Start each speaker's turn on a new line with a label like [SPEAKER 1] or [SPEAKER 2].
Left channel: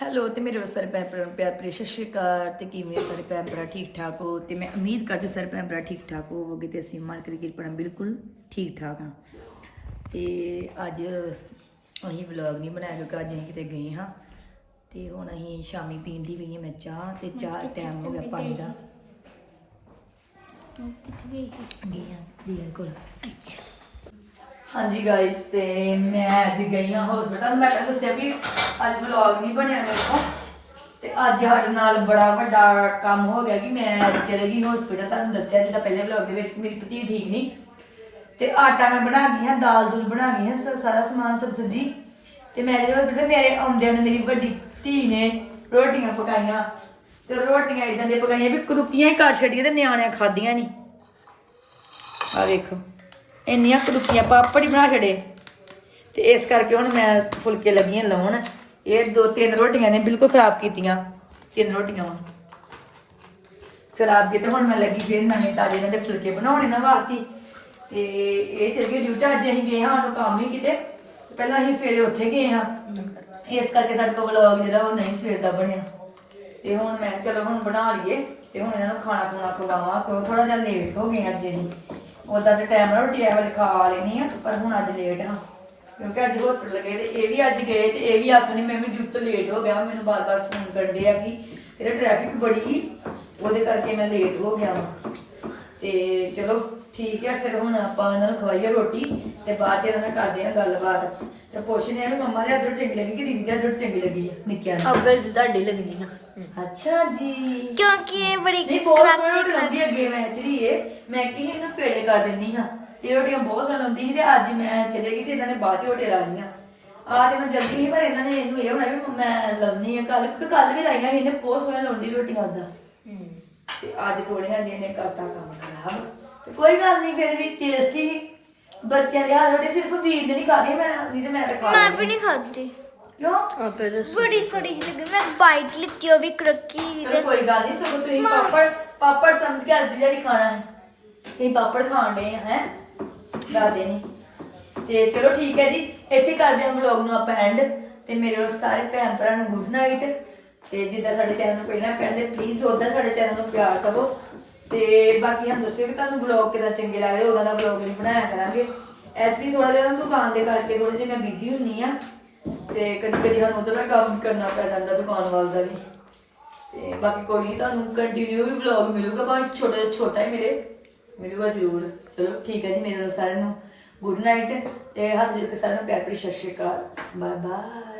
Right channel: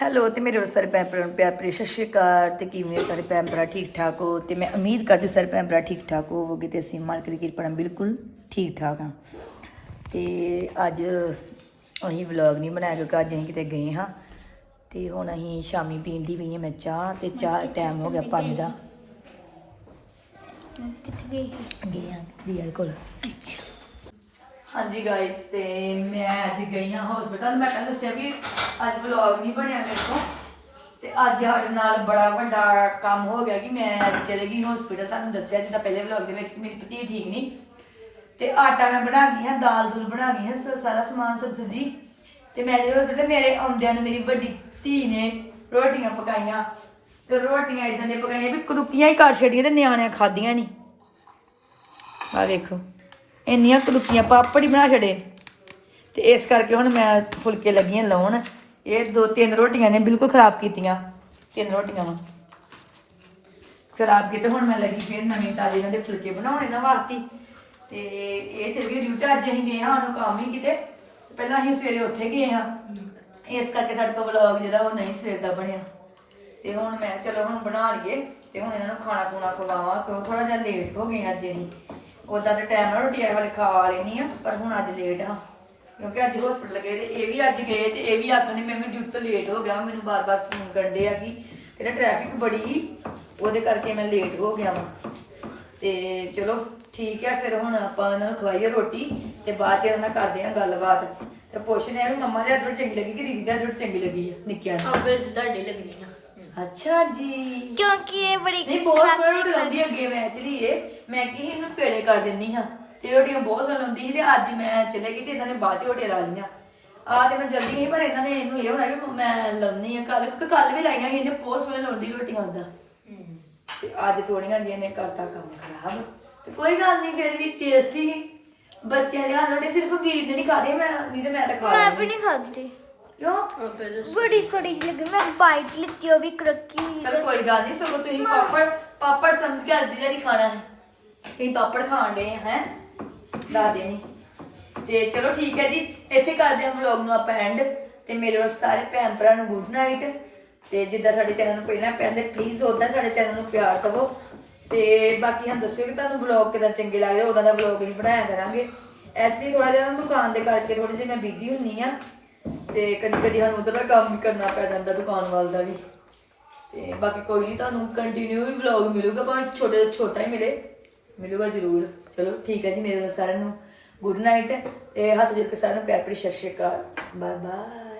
[SPEAKER 1] Hello ਤੇ ਮੇਰੇ ਸਾਰੇ ਨੂੰ ਪਿਆਰ ਭਰੀ ਸਤਿ ਸ਼੍ਰੀ ਅਕਾਲ ਤੇ ਕਿਵੇਂ ਹੋ ਸਾਰੇ ਭਰਾ ਠੀਕ ਠਾਕ ਹੋ? ਤੇ ਮੈਂ ਉਮੀਦ ਕਰਦੀ ਸਾਰੇ ਭਰਾ ਠੀਕ ਠਾਕ ਹੋਵੋਗੇ ਤੇ ਅਸੀਂ ਮਾਲਕ ਦੀ ਕਿਰਪਾ ਨਾਲ ਬਿਲਕੁਲ ਠੀਕ ਠਾਕ ਹਾਂ। ਤੇ ਅੱਜ ਅਸੀਂ ਵਲੌਗ ਨਹੀਂ ਬਣਾਇਆ ਕਿਉਂਕਿ ਅੱਜ ਅਸੀਂ ਕਿਤੇ ਗਏ ਹਾਂ ਤੇ ਹੁਣ ਅਸੀਂ ਸ਼ਾਮੀ ਪੀਣ ਦੀ ਪਈ ਹਾਂ ਮੈਂ ਚਾਹ ਤੇ ਚਾਹ ਟਾਈਮ ਹੋ ਗਿਆ ਪੰਜ ਦਾ।
[SPEAKER 2] ਕਿੱਥੇ ਗਈ
[SPEAKER 1] ਗਏ ਹਾਂ ਦੀਦੀ ਕੋਲ।
[SPEAKER 2] ਅੱਛਾ।
[SPEAKER 1] ਹਾਂਜੀ ਗਾਇਸ ਤੇ ਮੈਂ ਅੱਜ ਗਈ ਹਾਂ ਹਸਪੀਟਲ ਮੈਂ ਤਾਂ ਦੱਸਿਆ ਵੀ ਅੱਜ ਵਲੌਗ ਨਹੀਂ ਬਣਿਆ ਮੇਰੇ ਕੋਲ। ਤੇ ਅੱਜ ਸਾਡੇ ਨਾਲ ਬੜਾ ਵੱਡਾ ਕੰਮ ਹੋ ਗਿਆ ਕਿ ਮੈਂ ਅੱਜ ਚਲੇ ਗਈ ਹਸਪੀਟਲ ਤੁਹਾਨੂੰ ਦੱਸਿਆ ਜਿੱਦਾਂ ਪਹਿਲੇ ਵਲੌਗ ਦੇ ਵਿੱਚ ਮੇਰੀ ਪਤੀ ਠੀਕ ਨਹੀਂ। ਤੇ ਆਟਾ ਮੈਂ ਬਣਾ ਗਈ ਹਾਂ, ਦਾਲ ਦੂਲ ਬਣਾ ਗਈ ਹਾਂ ਸਾਰਾ ਸਮਾਨ ਸਬ ਸਬਜ਼ੀ। ਤੇ ਮੈਂ ਜਦੋਂ ਹਸਪੀਟਲ ਮੇਰੇ ਆਉਂਦਿਆਂ ਨੂੰ ਮੇਰੀ ਵੱਡੀ ਧੀ ਨੇ ਰੋਟੀਆਂ ਪਕਾਈਆਂ। ਤੇ ਰੋਟੀਆਂ ਇਦਾਂ ਦੀਆਂ ਪਕਾਈਆਂ ਵੀ ਕਰੁਪੀਆਂ ਹੀ ਕਰ ਛੱਡੀਆਂ ਤੇ ਨਿਆਣਿਆਂ ਖਾਧੀਆਂ ਨਹੀਂ। ਆ ਦੇਖੋ ਇੰਨੀਆਂ ਕੜੁੱਕੀਆਂ ਪਾਪੜ ਹੀ ਬਣਾ ਛੜੇ ਤੇ ਇਸ ਕਰਕੇ ਹੁਣ ਮੈਂ ਫੁਲਕੇ ਲੱਗੀਆਂ ਲਾਉਣ। ਇਹ ਦੋ ਤਿੰਨ ਰੋਟੀਆਂ ਨੇ ਬਿਲਕੁਲ ਖਰਾਬ ਕੀਤੀਆਂ। ਤਿੰਨ ਰੋਟੀਆਂ ਵਾ। ਖਰਾਬ ਕੀਤੇ ਹੁਣ ਮੈਂ ਲੱਗੀ ਫਿਰ ਨਵੇਂ ਤਾਜ਼ੇ ਇਹਨਾਂ ਦੇ ਫੁਲਕੇ ਬਣਾਉਣੇ ਨਾ ਵਾਸਤੇ ਤੇ ਇਹ ਚਲ ਗਏ ਡਿਊਟੀ, ਅੱਜ ਅਸੀਂ ਗਏ ਹਾਂ ਉਹਨੂੰ ਕੰਮ ਹੀ ਕਿਤੇ। ਪਹਿਲਾਂ ਅਸੀਂ ਸਵੇਰੇ ਉੱਥੇ ਗਏ ਹਾਂ। ਇਸ ਕਰਕੇ ਸਾਡੇ ਤੋਂ ਵਲੌਗ ਜਿਹੜਾ ਉਹ ਨਹੀਂ ਸਵੇਰ ਦਾ ਬਣਿਆ। ਤੇ ਹੁਣ ਮੈਂ ਚਲੋ ਹੁਣ ਬਣਾ ਲਈਏ। ਤੇ ਹੁਣ ਇਹਨਾਂ ਨੂੰ ਖਾਣਾ ਖੁਣਾ ਖਵਾਵਾਂ, ਕਿਉਂ ਥੋੜਾ ਜਿਹਾ ਲੇਟ ਹੋ ਗਏ ਅੱਜ ਅਸੀਂ। ਉਦਾਂ ਦੇ ਟਾਈਮ ਨਾਲ ਰੋਟੀ ਵਾਲੇ ਖਾ ਲੈਣੀ ਆ, ਪਰ ਹੁਣ ਅੱਜ ਲੇਟ ਹਾਂ ਕਿਉਂਕਿ ਅੱਜ ਹਸਪੀਟਲ ਗਏ ਤੇ ਇਹ ਵੀ ਅੱਜ ਗਏ ਤੇ ਇਹ ਵੀ ਆਖਣੇ ਮੈਂ ਵੀ ਡਿਊਟੀ ਤੋਂ ਲੇਟ ਹੋ ਗਿਆ ਮੈਨੂੰ ਬਾਰ-ਬਾਰ ਫੋਨ ਕਰਦੇ ਆ ਕਿ ਤੇਰਾ ਟ੍ਰੈਫਿਕ ਬੜੀ ਸੀ, ਉਹਦੇ ਕਰਕੇ ਮੈਂ ਲੇਟ ਹੋ ਗਿਆ ਵਾਂ। ਤੇ ਚਲੋ ਠੀਕ ਹੈ ਫਿਰ ਹੁਣ ਆਪਾਂ ਇਹਨਾਂ ਨੂੰ ਖਵਾਈਏ ਰੋਟੀ ਤੇ ਬਾਅਦ ਚ ਇਹਨਾਂ ਨਾਲ ਕਰਦੇ ਆ ਗੱਲਬਾਤ। ਤੇ ਪੁੱਛਦੇ ਆ ਵੀ ਮੰਮਾ ਦੇ ਹੱਥੋਂ ਚੰਗੀ ਲੱਗੀ ਕਿ ਦੀਦੀ ਦੇ ਹੱਥੋਂ ਚੰਗੀ ਲੱਗੀ ਆ ਨਿੱਕਿਆਂ ਨੂੰ
[SPEAKER 2] ਆਪੇ ਤੁਹਾਡੀ ਲੱਗਣੀ ਨਾ
[SPEAKER 1] ਅੱਛਾ ਜੀ।
[SPEAKER 2] ਕਿਉਂਕਿ ਇਹ ਬੜੀ
[SPEAKER 1] ਨਹੀਂ ਬਹੁਤ ਸੋਹਣੀ ਰੋਟੀ ਲਾਉਂਦੀ ਅੱਗੇ ਮੈਂ ਐਕਚੁਅਲੀ ਇਹ। ਮੈਂ ਕੀ ਇਹਨੂੰ ਪੇੜੇ ਕਰ ਦਿੰਦੀ ਹਾਂ ਤੇ ਰੋਟੀਆਂ ਬਹੁਤ ਸੋਹਣੀ ਲਾਉਂਦੀ ਸੀ ਤੇ ਅੱਜ ਮੈਂ ਚਲੇ ਗਈ ਤੇ ਇਹਨਾਂ ਨੇ ਬਾਅਦ ਚ ਰੋਟੀਆਂ ਲਾ ਲਈਆਂ। ਆ ਤੇ ਮੈਂ ਜਲਦੀ ਹੀ ਪਰ ਇਹਨਾਂ ਨੇ ਇਹਨੂੰ ਇਹ ਹੋਣਾ ਵੀ ਮੈਂ ਲਾਉਣੀ ਆ ਕੱਲ ਕਿ ਕੱਲ ਵੀ ਲਾਈਆਂ ਸੀ ਇਹਨੇ ਬਹੁਤ ਸੋਹਣੀ ਲਾਉਂਦੀ ਰੋਟੀਆਂ ਉਦਾਂ ਤੇ ਅੱਜ ਥੋੜੀਆਂ ਜਿਹੀਆਂ ਨੇ ਕਰਤਾ ਕੰਮ ਖਰਾਬ। ਕੋਈ ਗੱਲ ਨਹੀਂ ਫਿਰ ਵੀ ਟੇਸਟੀ ਬੱਚਿਆਂ ਦੇ ਹੱਥ ਰੋਟੀ ਸਿਰਫ ਵੀਰ ਨੇ ਨਹੀਂ ਖਾਦੀ ਮੈਂ ਨਹੀਂ ਤੇ ਮੈਂ ਤਾਂ ਖਾ
[SPEAKER 2] ਮੈਂ। ਵੀ ਨਹੀਂ ਖਾਦੀ
[SPEAKER 1] ਕਿਉਂ?
[SPEAKER 2] ਆਪੇ ਬੜੀ ਜਿਹੀ ਲੱਗੀ ਮੈਂ ਬਾਈਟ ਲਿੱਤੀ ਉਹ ਵੀ ਕਰੱਕੀ
[SPEAKER 1] ਚਲੋ ਕੋਈ ਗੱਲ ਨਹੀਂ ਸਗੋਂ ਤੁਸੀਂ ਪਾਪੜ ਪਾਪੜ ਸਮਝ ਕੇ ਅੱਜ ਦੀ ਜਿਹੜੀ ਖਾਣਾ ਹੈ। ਤੁਸੀਂ ਪਾਪੜ ਖਾਣ ਦੇ ਹੈ? ਦਾਦੇ ਨੇ। ਤੇ ਚਲੋ ਠੀਕ ਹੈ ਜੀ ਇੱਥੇ ਕਰਦੇ ਹਾਂ ਵਲੌਗ ਨੂੰ ਆਪਾਂ ਐਂਡ ਤੇ ਮੇਰੇ ਵੱਲ ਸਾਰੇ ਭੈਣ ਭਰਾ ਨੂੰ ਗੁੱਡ ਨਾਈਟ ਤੇ ਜਿੱਦਾਂ ਸਾਡੇ ਚੈਨਲ ਨੂੰ ਪਹਿਲਾਂ ਕਹਿੰਦੇ ਪਲੀਜ਼ ਉਦਾਂ ਸਾਡੇ ਚੈਨਲ ਨੂੰ ਪਿਆਰ ਕਰੋ। ਤੇ ਬਾਕੀ ਹਮ ਦੱਸਿਓ ਕਿ ਤੁਹਾਨੂੰ ਵਲੌਗ ਕਿਦਾਂ ਚੰਗੇ ਲੱਗਦੇ, ਉਦਾਂ ਦਾ ਵਲੌਗ ਵੀ ਬਣਾਇਆ ਕਰਾਂਗੇ। ਐਕਚੁਅਲੀ ਥੋੜਾ ਜਿਹਾ ਨਾ ਦੁਕਾਨ ਦੇ ਕਰਕੇ ਥੋੜੀ ਜਿਹੀ ਮੈਂ ਬਿਜ਼ੀ ਹੁੰਨੀ ਆ ਤੇ ਕਦੀ ਕਦੀ ਸਾਨੂੰ ਉਧਰ ਦਾ ਕੰਮ ਕਰਨਾ ਪੈ ਜਾਂਦਾ ਦੁਕਾਨ ਵਾਲ ਦਾ ਵੀ। ਤੇ ਬਾਕੀ ਕੋਈ ਨਹੀਂ ਤੁਹਾਨੂੰ ਕੰਟੀਨਿਊ ਵੀ ਵਲੌਗ ਮਿਲੂਗਾ, ਭਾਵੇਂ ਛੋਟੇ ਛੋਟਾ ਹੀ ਮਿਲੇ। ਮਿਲੂਗਾ ਜ਼ਰੂਰ। ਚਲੋ ਠੀਕ ਹੈ ਜੀ, ਮੇਰੇ ਨਾਲ ਸਾਰਿਆਂ ਨੂੰ ਗੁੱਡ ਨਾਈਟ ਤੇ ਹੱਥ ਜੋੜ ਕੇ ਸਾਰਿਆਂ ਨੂੰ ਪਿਆਰ ਭਰੀ ਸਤਿ ਸ਼੍ਰੀ ਅਕਾਲ। Bye bye